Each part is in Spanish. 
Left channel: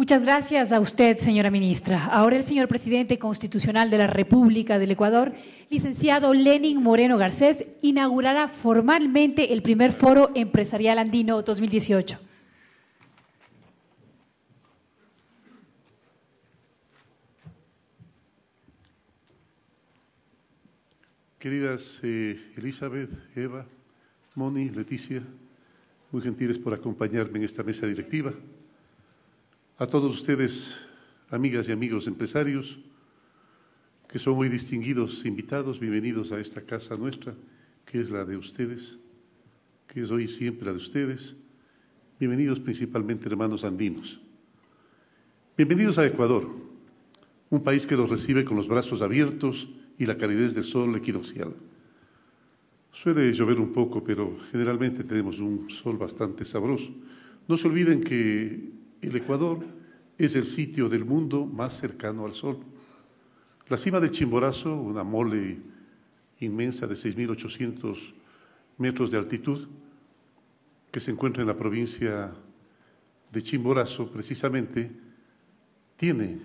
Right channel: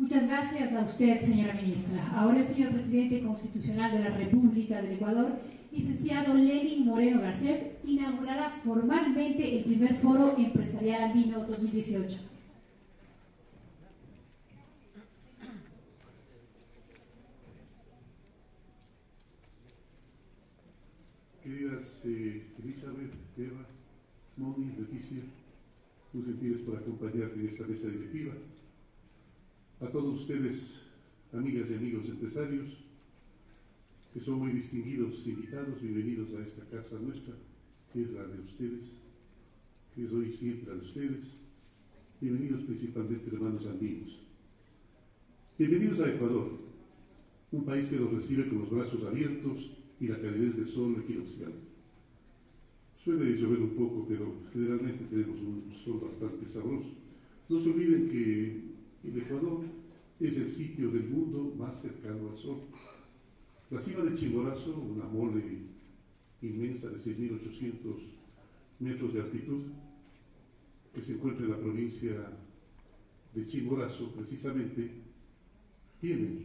Muchas gracias a usted, señora ministra. Ahora el señor presidente constitucional de la República del Ecuador, licenciado Lenin Moreno Garcés, inaugurará formalmente el primer Foro Empresarial Andino 2018. Queridas Elizabeth, Eva, Moni, Leticia, muy gentiles por acompañarme en esta mesa directiva. A todos ustedes, amigas y amigos empresarios, que son hoy distinguidos invitados, bienvenidos a esta casa nuestra, que es la de ustedes, que es hoy siempre la de ustedes. Bienvenidos principalmente, hermanos andinos. Bienvenidos a Ecuador, un país que los recibe con los brazos abiertos y la calidez del sol equinoccial. Suele llover un poco, pero generalmente tenemos un sol bastante sabroso. No se olviden que el Ecuador es el sitio del mundo más cercano al sol. La cima de Chimborazo, una mole inmensa de 6.800 metros de altitud, que se encuentra en la provincia de Chimborazo, precisamente, tiene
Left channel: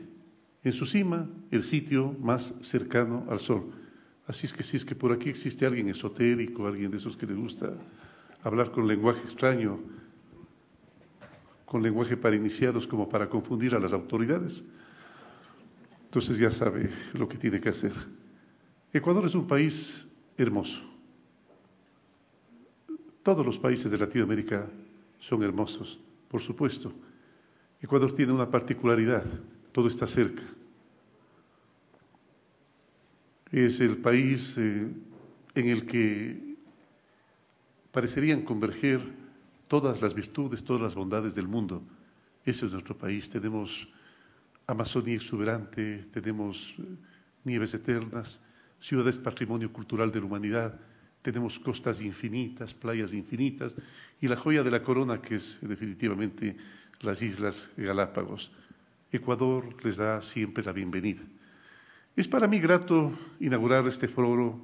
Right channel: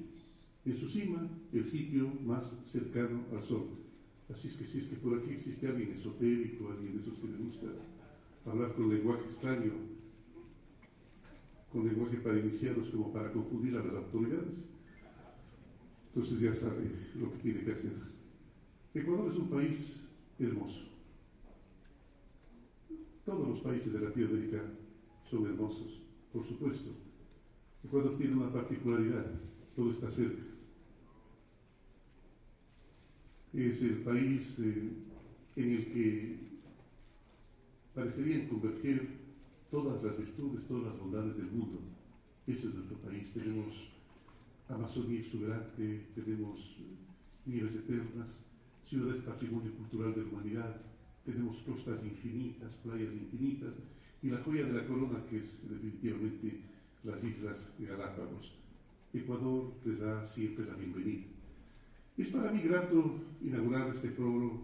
en su cima el sitio más cercano al sol. Así es que si es que por aquí existe alguien esotérico, alguien de esos que le gusta hablar con lenguaje extraño, con lenguaje para iniciados como para confundir a las autoridades, entonces ya sabe lo que tiene que hacer. Ecuador es un país hermoso. Todos los países de Latinoamérica son hermosos, por supuesto. Ecuador tiene una particularidad, todo está cerca. Es el país en el que parecerían converger todas las virtudes, todas las bondades del mundo. Ese es nuestro país. Tenemos Amazonía exuberante, tenemos nieves eternas, ciudades patrimonio cultural de la humanidad, tenemos costas infinitas, playas infinitas y la joya de la corona que es definitivamente las Islas Galápagos. Ecuador les da siempre la bienvenida. Es para mí grato inaugurar este foro,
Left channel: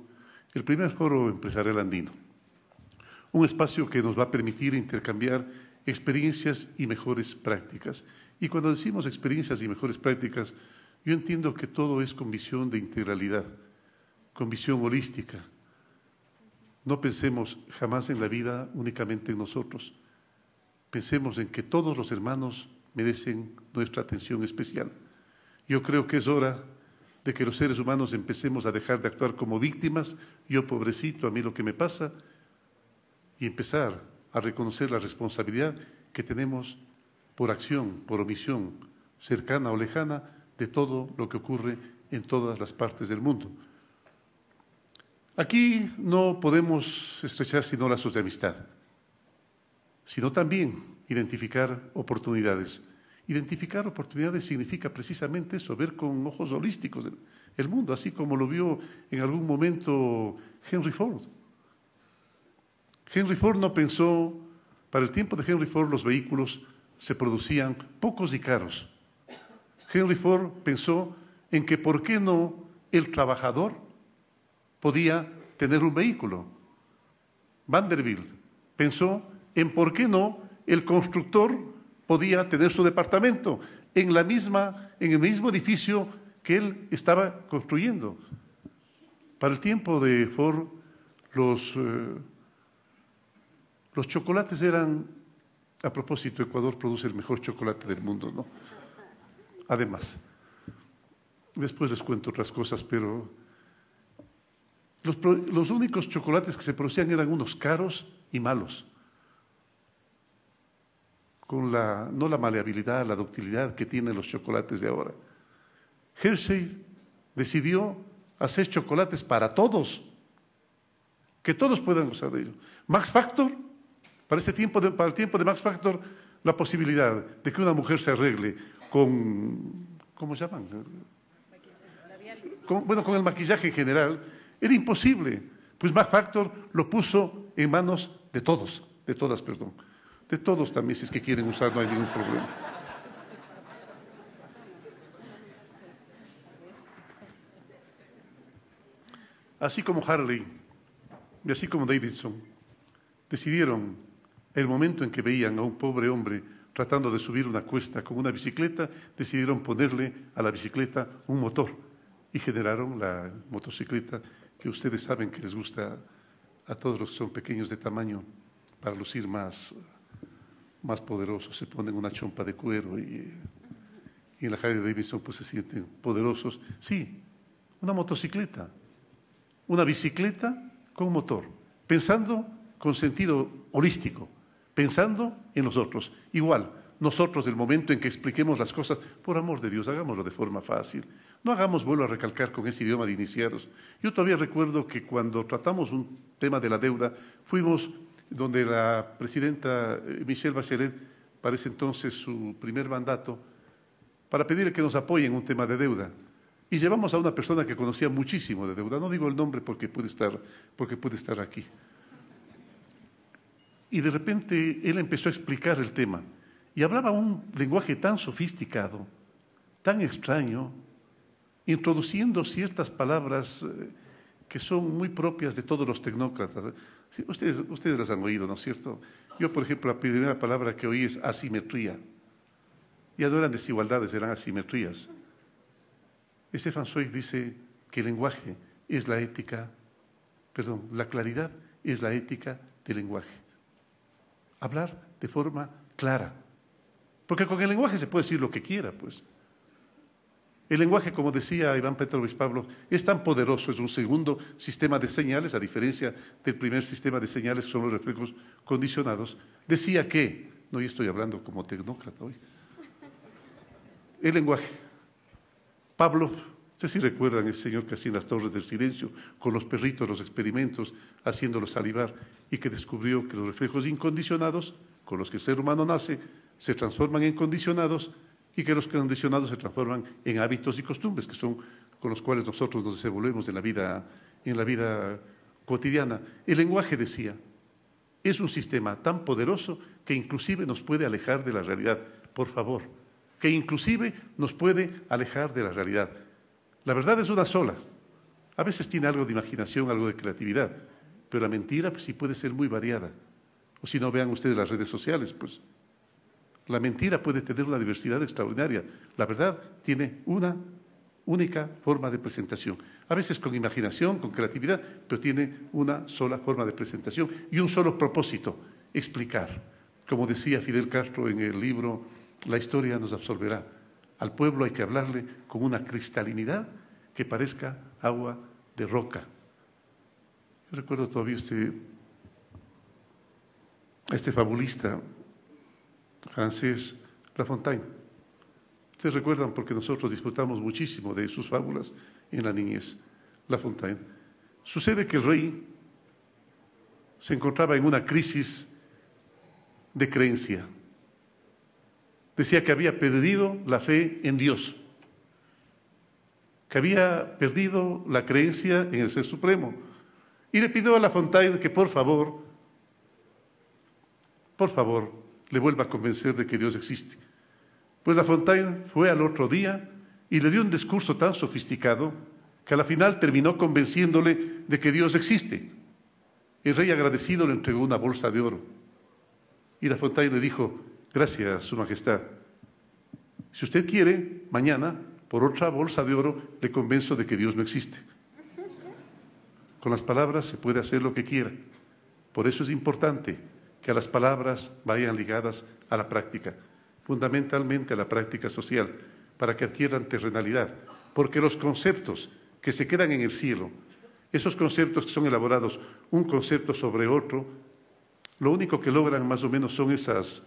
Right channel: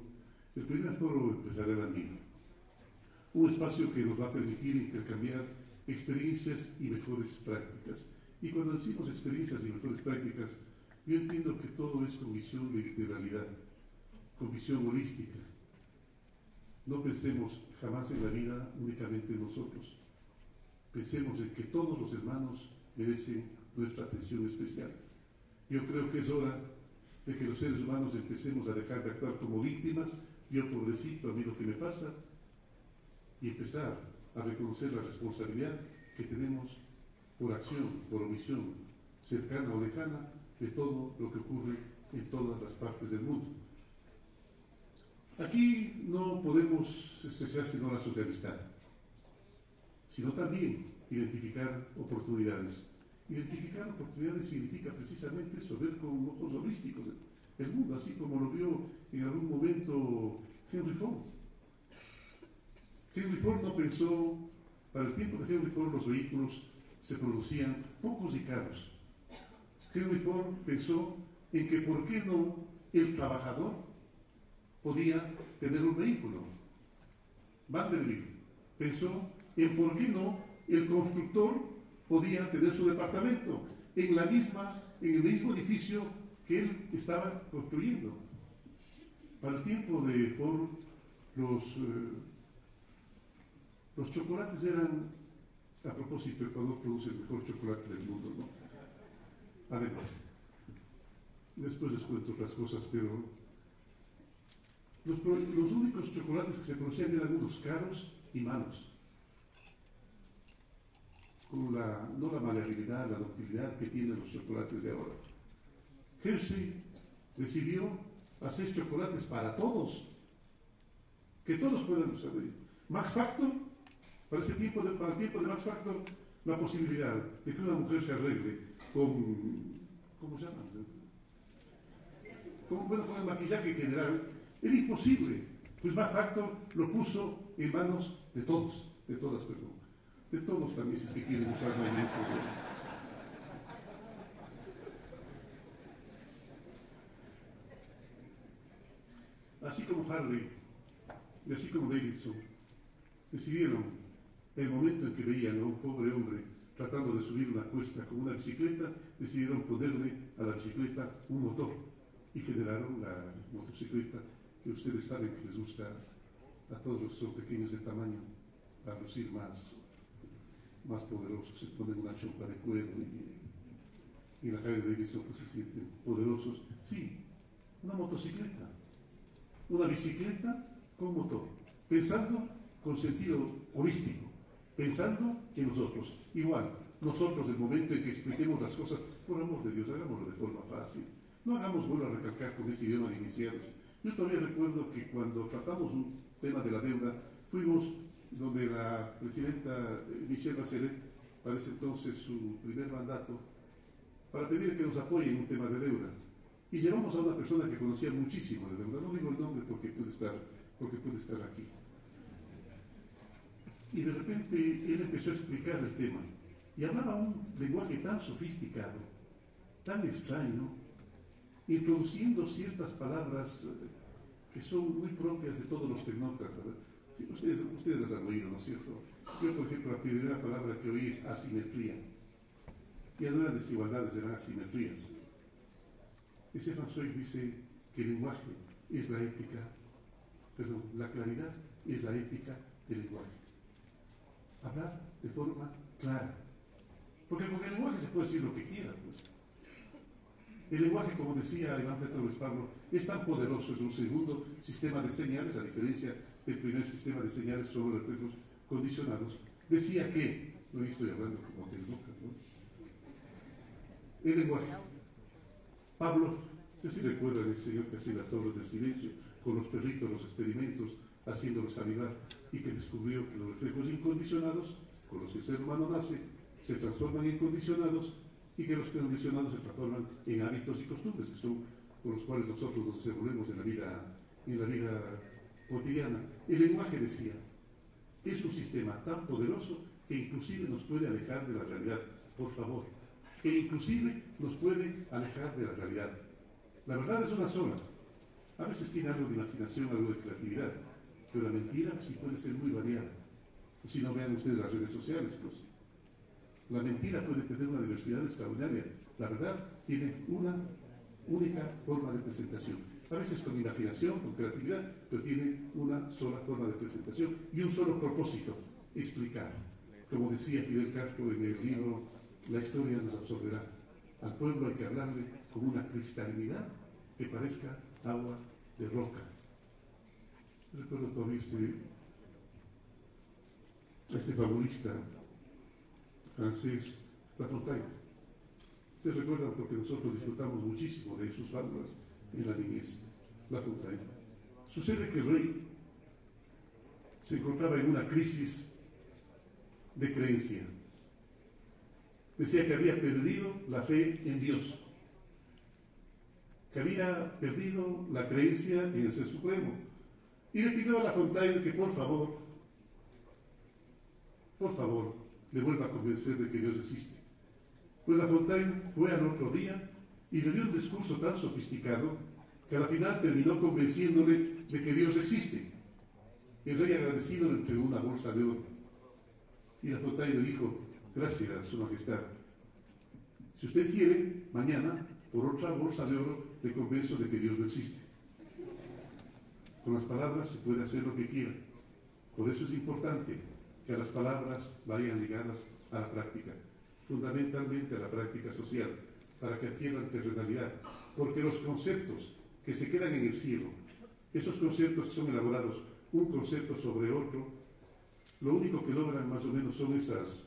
el primer foro empresarial andino, un espacio que nos va a permitir intercambiar experiencias y mejores prácticas. Y cuando decimos experiencias y mejores prácticas, yo entiendo que todo es con visión de integralidad, con visión holística. No pensemos jamás en la vida únicamente en nosotros. Pensemos en que todos los hermanos merecen nuestra atención especial. Yo creo que es hora de que los seres humanos empecemos a dejar de actuar como víctimas, yo pobrecito, a mí lo que me pasa, y empezar a reconocer la responsabilidad que tenemos por acción, por omisión, cercana o lejana, de todo lo que ocurre en todas las partes del mundo. Aquí no podemos estrechar sino lazos de amistad, sino también identificar oportunidades. Identificar oportunidades significa precisamente eso, ver con ojos holísticos el mundo, así como lo vio en algún momento Henry Ford. Henry Ford no pensó, para el tiempo de Henry Ford los vehículos se producían pocos y caros. Henry Ford pensó en que por qué no el trabajador podía tener un vehículo. Vanderbilt pensó en por qué no el constructor podía tener su departamento en el mismo edificio que él estaba construyendo. Para el tiempo de Ford, los chocolates eran, a propósito, Ecuador produce el mejor chocolate del mundo, ¿no? Además, después les cuento otras cosas, pero los únicos chocolates que se producían eran unos caros y malos, con no la maleabilidad, la ductilidad que tienen los chocolates de ahora. Hershey decidió hacer chocolates para todos, que todos puedan usar de ellos. Max Factor, para el tiempo de Max Factor, la posibilidad de que una mujer se arregle con, ¿cómo se llaman? Con el maquillaje general, era imposible. Pues Max Factor lo puso en manos de todos, de todas, perdón. De todos también, si es que quieren usar, no hay ningún problema. Así como Harley y así como Davidson decidieron el momento en que veían a un pobre hombre tratando de subir una cuesta con una bicicleta, decidieron ponerle a la bicicleta un motor y generaron la motocicleta que ustedes saben que les gusta a todos los que son pequeños de tamaño para lucir más poderosos. Se ponen una chompa de cuero y en la Harley Davidson pues se sienten poderosos. Sí, una motocicleta, una bicicleta con motor, pensando con sentido holístico, pensando en los otros. Igual, nosotros del momento en que expliquemos las cosas, por amor de Dios, hagámoslo de forma fácil. No hagamos, vuelvo a recalcar, con ese idioma de iniciados. Yo todavía recuerdo que cuando tratamos un tema de la deuda, fuimos donde la presidenta Michelle Bachelet, para ese entonces su primer mandato, para pedirle que nos apoye en un tema de deuda. Y llevamos a una persona que conocía muchísimo de deuda. No digo el nombre porque puede estar aquí. Y de repente él empezó a explicar el tema y hablaba un lenguaje tan sofisticado, tan extraño, introduciendo ciertas palabras que son muy propias de todos los tecnócratas. Sí, ustedes las han oído, ¿no es cierto? Yo, por ejemplo, la primera palabra que oí es asimetría. Ya no eran desigualdades, eran asimetrías. Stefan Zweig dice que el lenguaje es la ética, perdón, la claridad es la ética del lenguaje. Hablar de forma clara. Porque con el lenguaje se puede decir lo que quiera, pues. El lenguaje, como decía Iván Petrovich Pavlov, es tan poderoso, es un segundo sistema de señales, a diferencia del primer sistema de señales, que son los reflejos condicionados. Decía que, no, yo estoy hablando como tecnócrata hoy, el lenguaje. Pavlov, ustedes sí recuerdan el señor que hacía en las Torres del Silencio, con los perritos, los experimentos, haciéndolos salivar, y que descubrió que los reflejos incondicionados, con los que el ser humano nace, se transforman en condicionados, y que los condicionados se transforman en hábitos y costumbres, que son con los cuales nosotros nos desenvolvemos en la vida cotidiana. El lenguaje, decía, es un sistema tan poderoso que inclusive nos puede alejar de la realidad. Por favor, que inclusive nos puede alejar de la realidad. La verdad es una sola. A veces tiene algo de imaginación, algo de creatividad, pero la mentira pues, sí puede ser muy variada. O si no, vean ustedes las redes sociales, pues. La mentira puede tener una diversidad extraordinaria. La verdad tiene una única forma de presentación. A veces con imaginación, con creatividad, pero tiene una sola forma de presentación y un solo propósito, explicar. Como decía Fidel Castro en el libro La historia nos absorberá. Al pueblo hay que hablarle con una cristalinidad que parezca agua de roca. Yo recuerdo todavía este fabulista francés, La Fontaine. Ustedes recuerdan porque nosotros disfrutamos muchísimo de sus fábulas en la niñez. La Fontaine. Sucede que el rey se encontraba en una crisis de creencia. Decía que había perdido la fe en Dios, que había perdido la creencia en el Ser Supremo. Y le pidió a La Fontaine que por favor, le vuelva a convencer de que Dios existe. Pues La Fontaine fue al otro día y le dio un discurso tan sofisticado que a la final terminó convenciéndole de que Dios existe. El rey agradecido le entregó una bolsa de oro. Y La Fontaine le dijo: gracias, Su Majestad. Si usted quiere, mañana, por otra bolsa de oro, le convenzo de que Dios no existe. Con las palabras se puede hacer lo que quiera. Por eso es importante que a las palabras vayan ligadas a la práctica, fundamentalmente a la práctica social, para que adquieran terrenalidad, porque los conceptos que se quedan en el cielo, esos conceptos que son elaborados un concepto sobre otro, lo único que logran más o menos son esas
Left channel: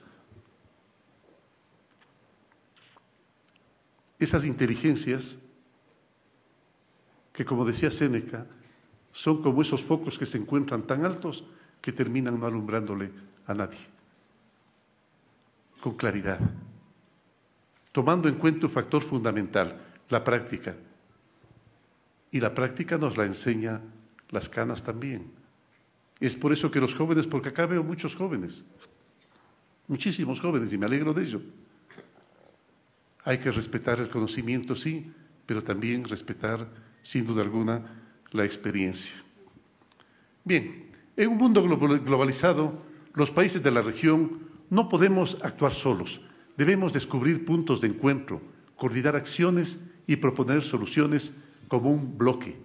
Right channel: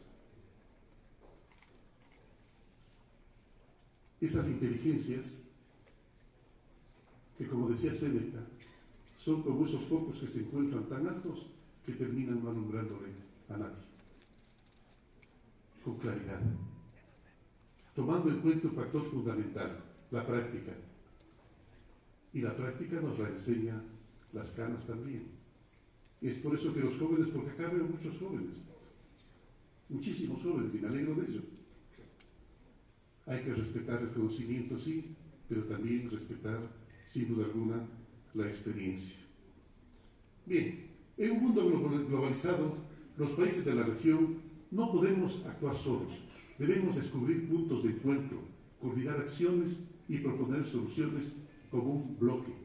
inteligencias que, como decía Séneca, son como esos focos que se encuentran tan altos que terminan no alumbrándole a nadie. Con claridad, tomando en cuenta un factor fundamental, la práctica. Y la práctica nos la enseña las canas también. Es por eso que los jóvenes, porque acá veo muchos jóvenes, muchísimos jóvenes, y me alegro de ello. Hay que respetar el conocimiento, sí, pero también respetar, sin duda alguna, la experiencia. Bien, en un mundo globalizado, los países de la región no podemos actuar solos. Debemos descubrir puntos de encuentro, coordinar acciones y proponer soluciones como un bloque.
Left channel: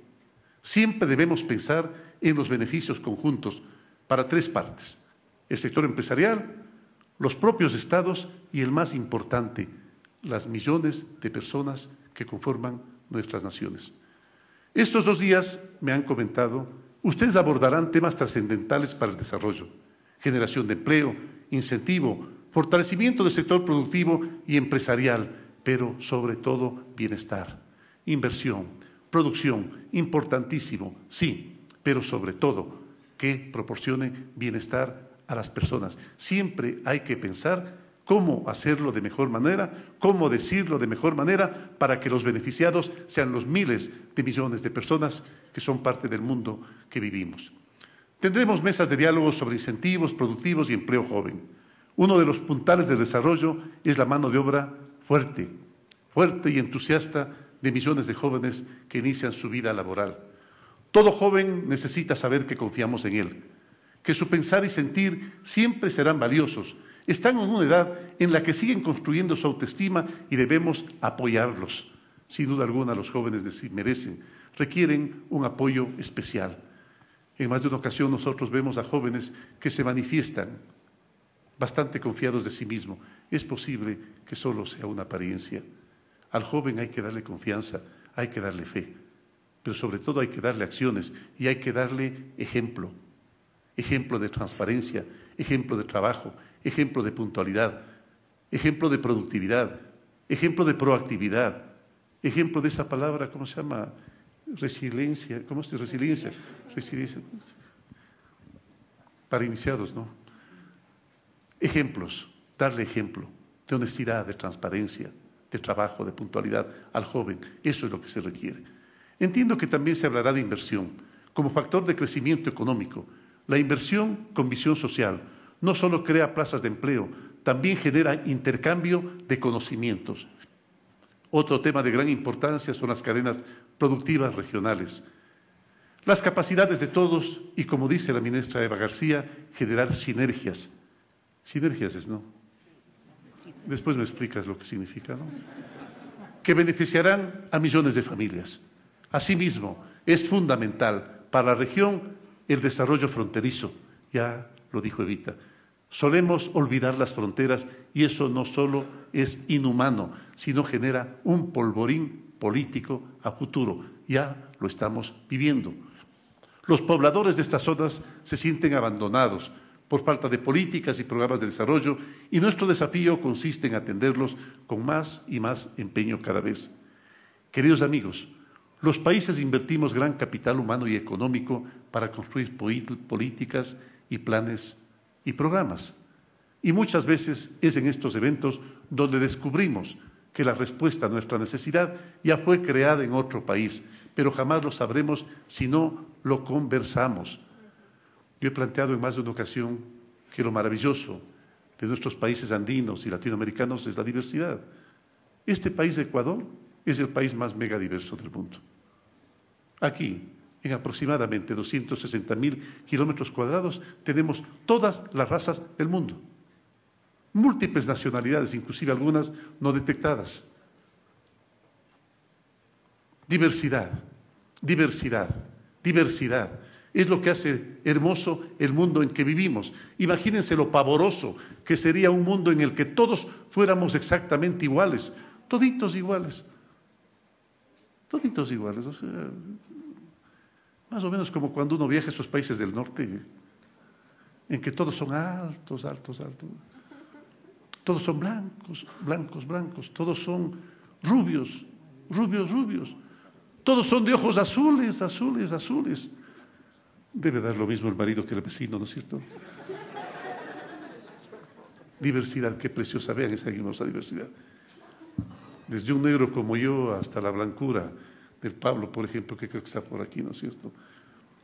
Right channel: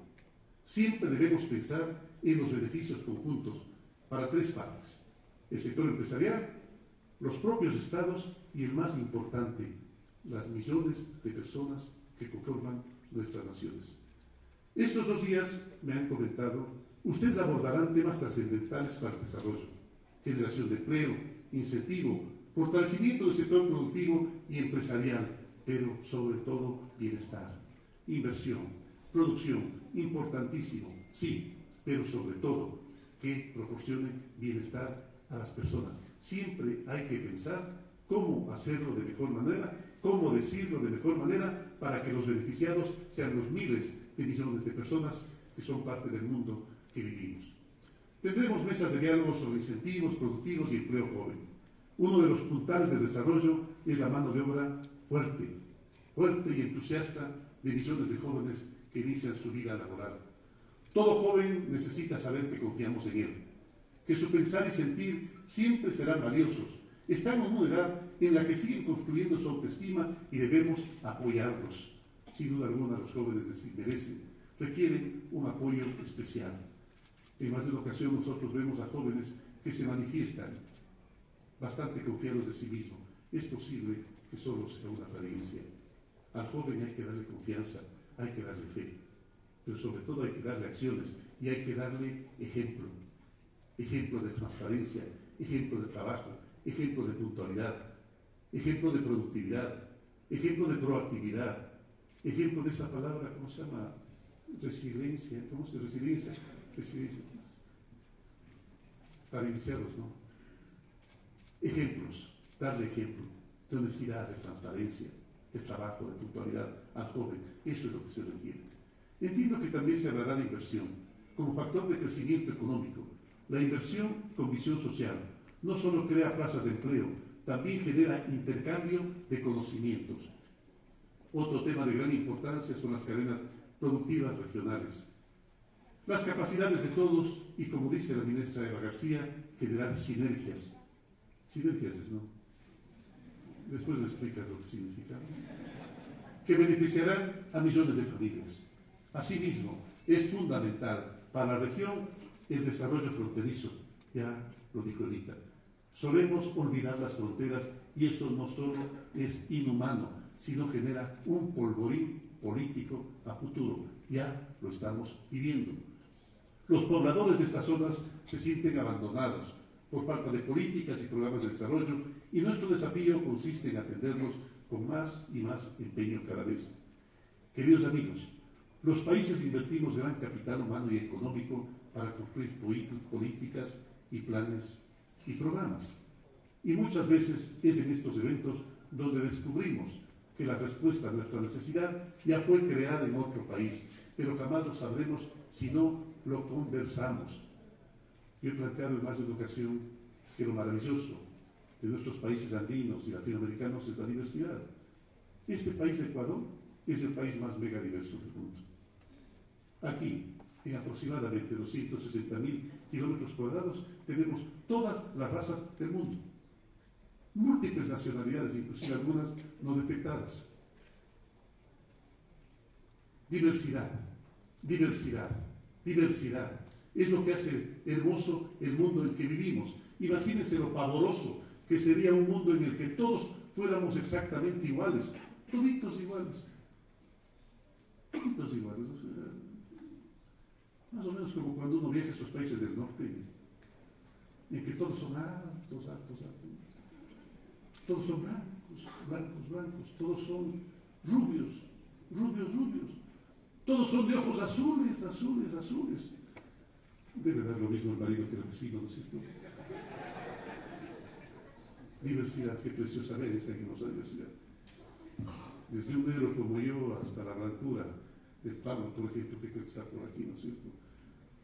Siempre debemos pensar en los beneficios conjuntos para tres partes: el sector empresarial, los propios estados y, el más importante, las millones de personas que conforman nuestras naciones. Estos 2 días me han comentado, ustedes abordarán temas trascendentales para el desarrollo: generación de empleo, incentivo, fortalecimiento del sector productivo y empresarial, pero sobre todo bienestar, inversión, producción, importantísimo, sí, pero sobre todo que proporcione bienestar a las personas. Siempre hay que pensar cómo hacerlo de mejor manera, cómo decirlo de mejor manera para que los beneficiados sean los miles de millones de personas que son parte del mundo que vivimos. Tendremos mesas de diálogo sobre incentivos productivos y empleo joven. Uno de los puntales del desarrollo es la mano de obra fuerte y entusiasta de millones de jóvenes que inician su vida laboral. Todo joven necesita saber que confiamos en él, que su pensar y sentir siempre serán valiosos. Están en una edad en la que siguen construyendo su autoestima y debemos apoyarlos. Sin duda alguna, los jóvenes requieren un apoyo especial. En más de una ocasión nosotros vemos a jóvenes que se manifiestan bastante confiados de sí mismos. Es posible que solo sea una apariencia. Al joven hay que darle confianza, hay que darle fe, pero sobre todo hay que darle acciones y hay que darle ejemplo. Ejemplo de transparencia, ejemplo de trabajo, ejemplo de puntualidad, ejemplo de productividad, ejemplo de proactividad, ejemplo de esa palabra, ¿cómo se llama? Resiliencia, ¿cómo se dice? Resiliencia. Resiliencia. Para iniciados, ¿no? Ejemplos, darle ejemplo de honestidad, de transparencia, de trabajo, de puntualidad al joven. Eso es lo que se requiere. Entiendo que también se hablará de inversión como factor de crecimiento económico. La inversión con visión social no solo crea plazas de empleo, también genera intercambio de conocimientos. Otro tema de gran importancia son las cadenas productivas regionales. Las capacidades de todos y, como dice la ministra Eva García, generar sinergias. Sinergias es, ¿no? Después me explicas lo que significa, ¿no? Que beneficiarán a millones de familias. Asimismo, es fundamental para la región el desarrollo fronterizo. Ya lo dijo Evita. Solemos olvidar las fronteras y eso no solo es inhumano, sino genera un polvorín político a futuro. Ya lo estamos viviendo. Los pobladores de estas zonas se sienten abandonados por falta de políticas y programas de desarrollo, y nuestro desafío consiste en atenderlos con más y más empeño cada vez. Queridos amigos, los países invertimos gran capital humano y económico para construir políticas y planes y programas. Y muchas veces es en estos eventos donde descubrimos que la respuesta a nuestra necesidad ya fue creada en otro país, pero jamás lo sabremos si no lo conversamos. Yo he planteado en más de una ocasión que lo maravilloso de nuestros países andinos y latinoamericanos es la diversidad. Este país de Ecuador es el país más megadiverso del mundo. Aquí, en aproximadamente 260.000 kilómetros cuadrados, tenemos todas las razas del mundo. Múltiples nacionalidades, inclusive algunas no detectadas. Diversidad, diversidad, diversidad. Es lo que hace hermoso el mundo en que vivimos. Imagínense lo pavoroso que sería un mundo en el que todos fuéramos exactamente iguales, toditos iguales. Toditos iguales, o sea, más o menos como cuando uno viaja a esos países del norte, en que todos son altos, altos, altos. Todos son blancos, blancos, blancos. Todos son rubios, rubios, rubios. Todos son de ojos azules, azules, azules. Debe dar lo mismo el marido que el vecino, ¿no es cierto? Diversidad, qué preciosa, vean esa hermosa diversidad. Desde un negro como yo hasta la blancura del Pablo, por ejemplo, que creo que está por aquí, ¿no es cierto?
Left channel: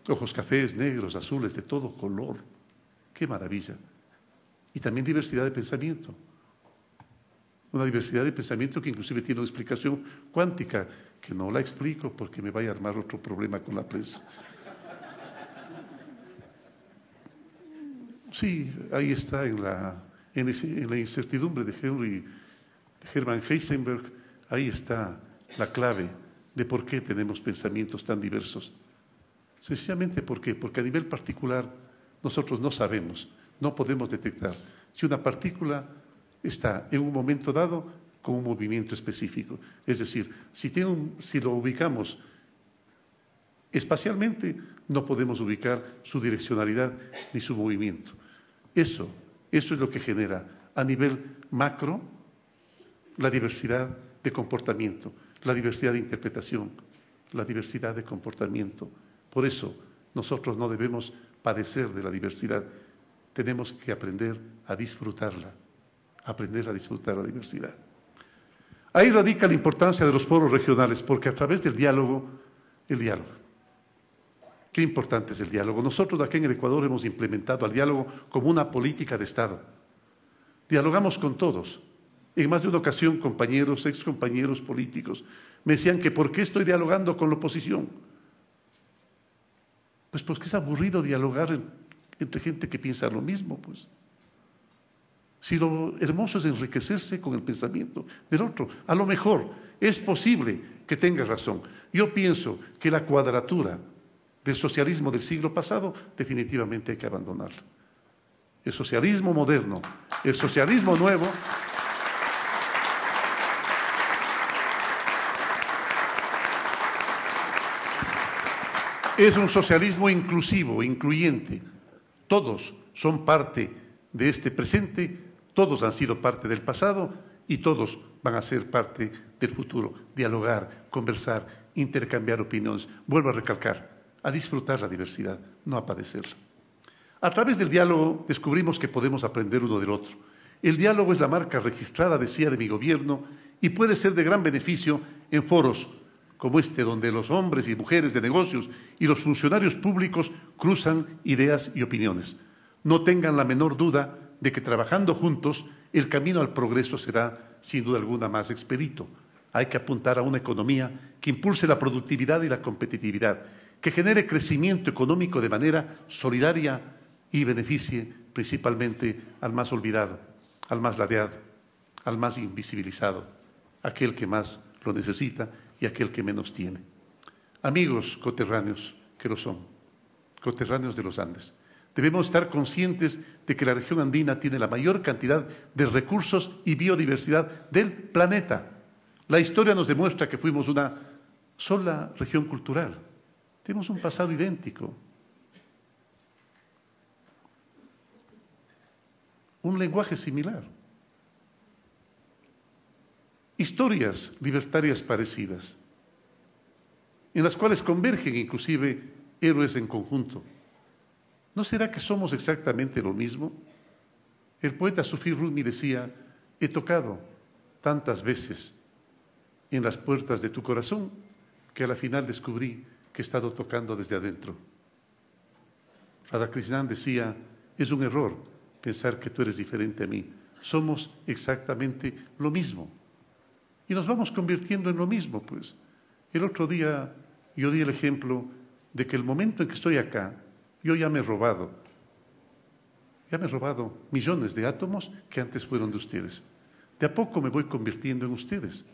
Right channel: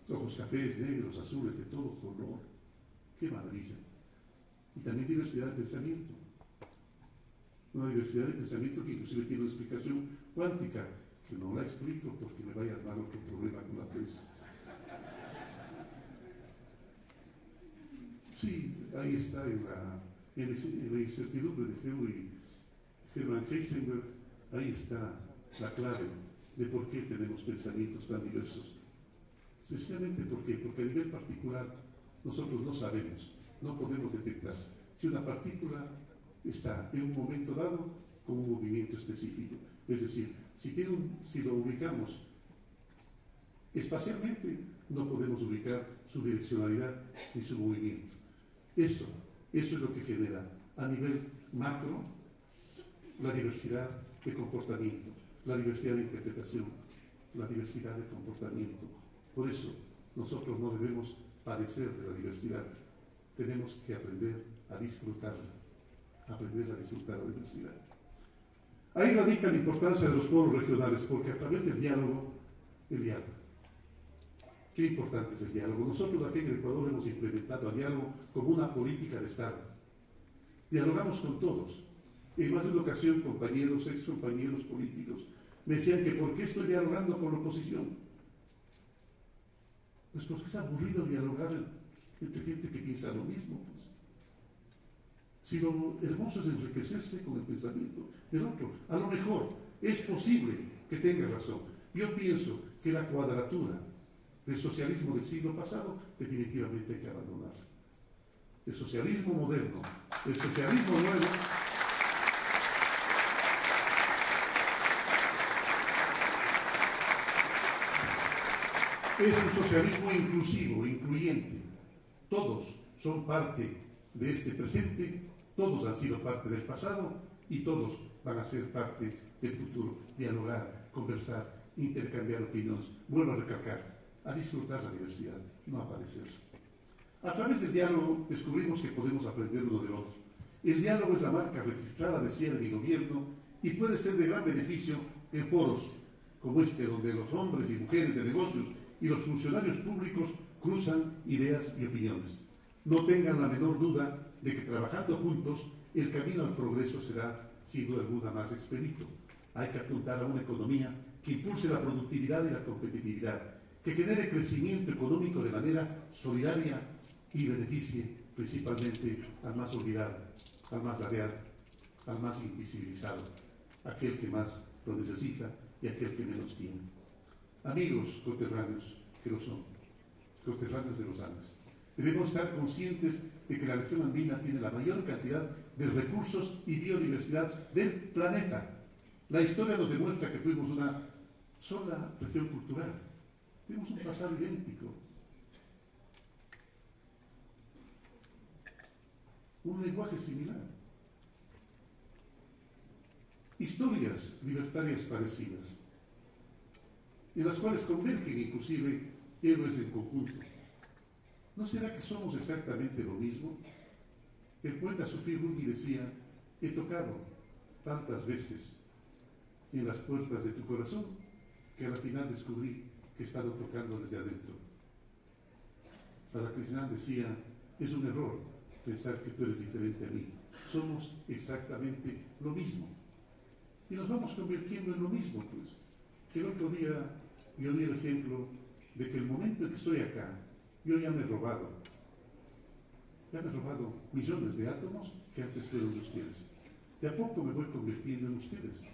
Ojos cafés, negros, azules, de todo color. ¡Qué maravilla! Y también diversidad de pensamiento. Una diversidad de pensamiento que inclusive tiene una explicación cuántica, que no la explico porque me vaya a armar otro problema con la prensa. Sí, ahí está en en la incertidumbre de Hermann Heisenberg, ahí está la clave de por qué tenemos pensamientos tan diversos. Sencillamente, ¿por qué? Porque a nivel particular nosotros no sabemos, no podemos detectar si una partícula está en un momento dado con un movimiento específico. Es decir, si lo ubicamos espacialmente, no podemos ubicar su direccionalidad ni su movimiento. Eso es lo que genera a nivel macro la diversidad de comportamiento, la diversidad de interpretación, la diversidad de comportamiento. Por eso nosotros no debemos padecer de la diversidad, tenemos que aprender a disfrutarla, aprender a disfrutar la diversidad. Ahí radica la importancia de los foros regionales, porque a través del diálogo, qué importante es el diálogo. Nosotros aquí en el Ecuador hemos implementado el diálogo como una política de Estado. Dialogamos con todos. En más de una ocasión, compañeros, excompañeros políticos, me decían que ¿por qué estoy dialogando con la oposición? Pues porque es aburrido dialogar entre gente que piensa lo mismo, pues. Si lo hermoso es enriquecerse con el pensamiento del otro. A lo mejor es posible que tenga razón. Yo pienso que la cuadratura del socialismo del siglo pasado definitivamente hay que abandonarla. El socialismo moderno, el socialismo nuevo, es un socialismo inclusivo, incluyente. Todos son parte de este presente, todos han sido parte del pasado y todos van a ser parte del futuro. Dialogar, conversar, intercambiar opiniones. Vuelvo a recalcar, a disfrutar la diversidad, no a padecerla. A través del diálogo descubrimos que podemos aprender uno del otro. El diálogo es la marca registrada, decía, de mi gobierno y puede ser de gran beneficio en foros como este, donde los hombres y mujeres de negocios y los funcionarios públicos cruzan ideas y opiniones. No tengan la menor duda de que trabajando juntos el camino al progreso será, sin duda alguna, más expedito. Hay que apuntar a una economía que impulse la productividad y la competitividad, que genere crecimiento económico de manera solidaria y beneficie principalmente al más olvidado, al más ladeado, al más invisibilizado, aquel que más lo necesita y aquel que menos tiene. Amigos coterráneos que lo son, coterráneos de los Andes, debemos estar conscientes de que la región andina tiene la mayor cantidad de recursos y biodiversidad del planeta. La historia nos demuestra que fuimos una sola región cultural. Tenemos un pasado idéntico, un lenguaje similar, historias libertarias parecidas, en las cuales convergen inclusive héroes en conjunto. ¿No será que somos exactamente lo mismo? El poeta Sufí Rumi decía, he tocado tantas veces en las puertas de tu corazón que a la final descubrí que he estado tocando desde adentro. Radhakrishnan decía, es un error pensar que tú eres diferente a mí. Somos exactamente lo mismo. Y nos vamos convirtiendo en lo mismo, pues. El otro día yo di el ejemplo de que el momento en que estoy acá, yo ya me he robado millones de átomos que antes fueron de ustedes. De a poco me voy convirtiendo en ustedes.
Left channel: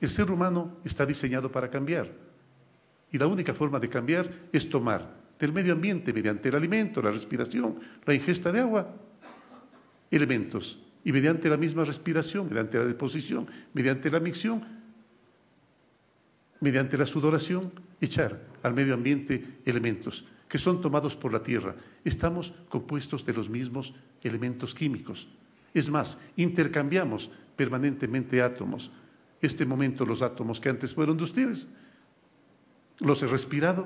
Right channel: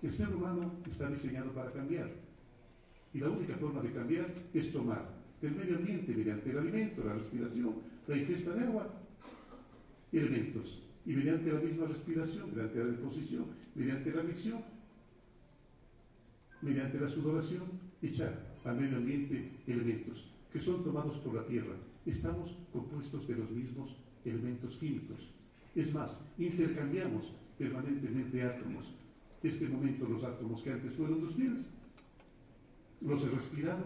El ser humano está diseñado para cambiar. Y la única forma de cambiar es tomar del medio ambiente, mediante el alimento, la respiración, la ingesta de agua, elementos. Y mediante la misma respiración, mediante la deposición, mediante la micción, mediante la sudoración, echar al medio ambiente elementos que son tomados por la tierra. Estamos compuestos de los mismos elementos químicos. Es más, intercambiamos permanentemente átomos. Este momento los átomos que antes fueron de ustedes, los he respirado,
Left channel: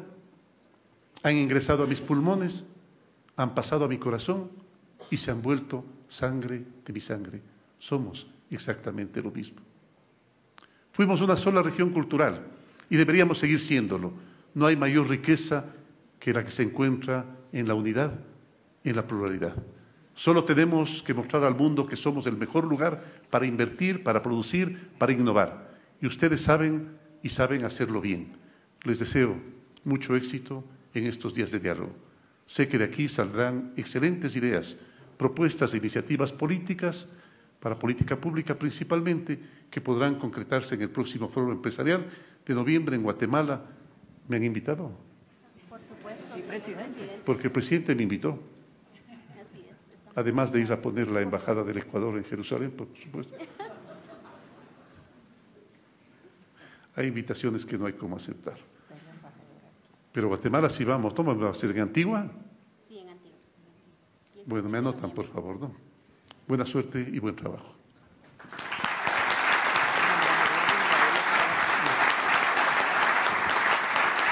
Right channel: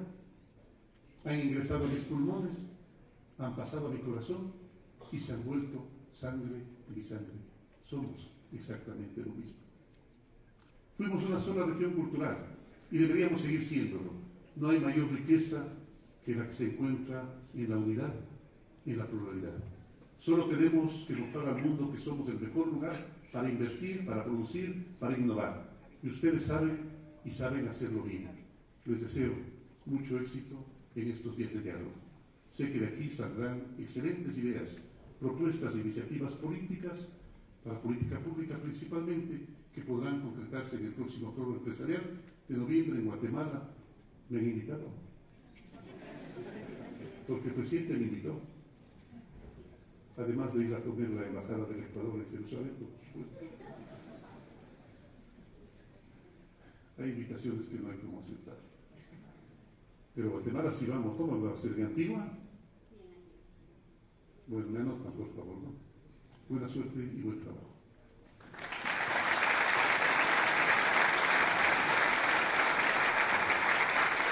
han ingresado a mis pulmones, han pasado a mi corazón y se han vuelto sangre de mi sangre. Somos exactamente lo mismo. Fuimos una sola región cultural y deberíamos seguir siéndolo. No hay mayor riqueza que la que se encuentra en la unidad, en la pluralidad. Solo tenemos que mostrar al mundo que somos el mejor lugar para invertir, para producir, para innovar. Y ustedes saben y saben hacerlo bien. Les deseo mucho éxito en estos días de diálogo. Sé que de aquí saldrán excelentes ideas, propuestas e iniciativas políticas, para política pública principalmente, que podrán concretarse en el próximo foro empresarial de noviembre en Guatemala. ¿Me han invitado? Por supuesto, sí, presidente. Porque el presidente me invitó. Además de ir a poner la embajada del Ecuador en Jerusalén, por supuesto. Hay invitaciones que no hay cómo aceptar. Pero Guatemala sí vamos. ¿Toma va a ser en Antigua? Sí, en Antigua. Bueno, me anotan, por favor, ¿no? Buena suerte y buen trabajo.